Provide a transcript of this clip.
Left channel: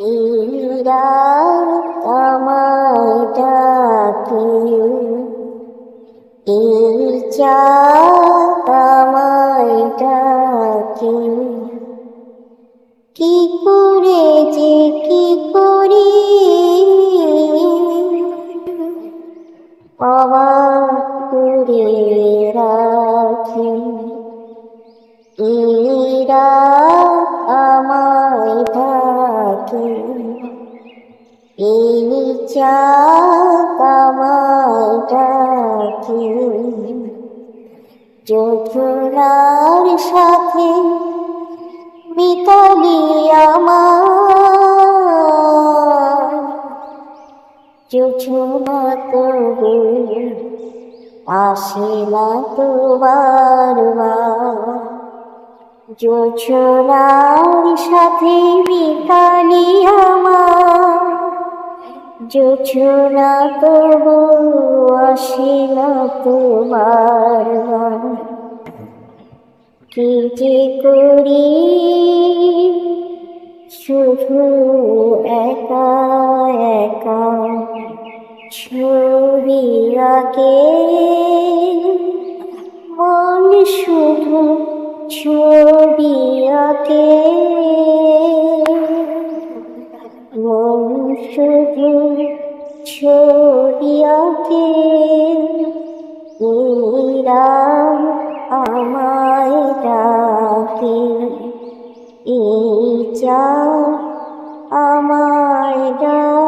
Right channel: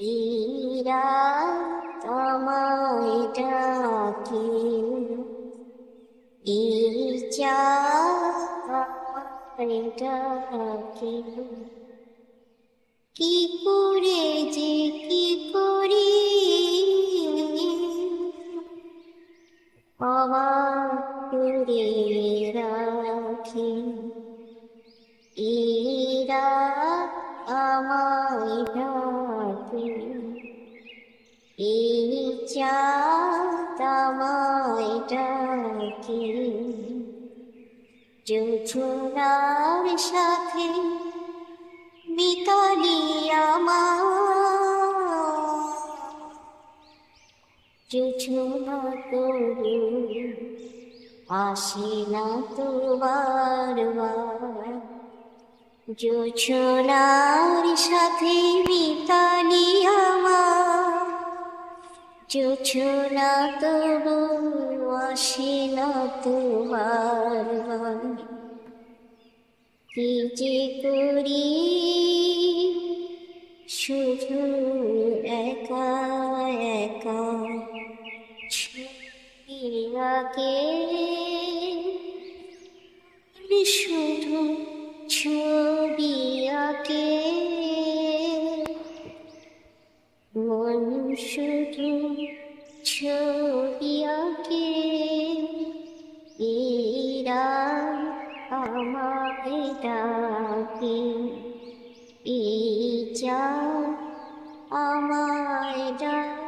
এরা আমায় ডাকে এই চাঁদ ডাকে কি করে যে কি করি অবাক করে রাখি এরা আমায় ডাকে এই আমায় ডাকে যোজনার সাথে মিতালি আমার। যোজনা তবু আসে না তো যোজনার সাথে মিতালি আমার যোজনা তবু আসে না তো বারবার কি যে করি শুধু একা একা। ছবি আঁকে মন শুধু আমায় ডাকে। এই চা আমায় ডাকে।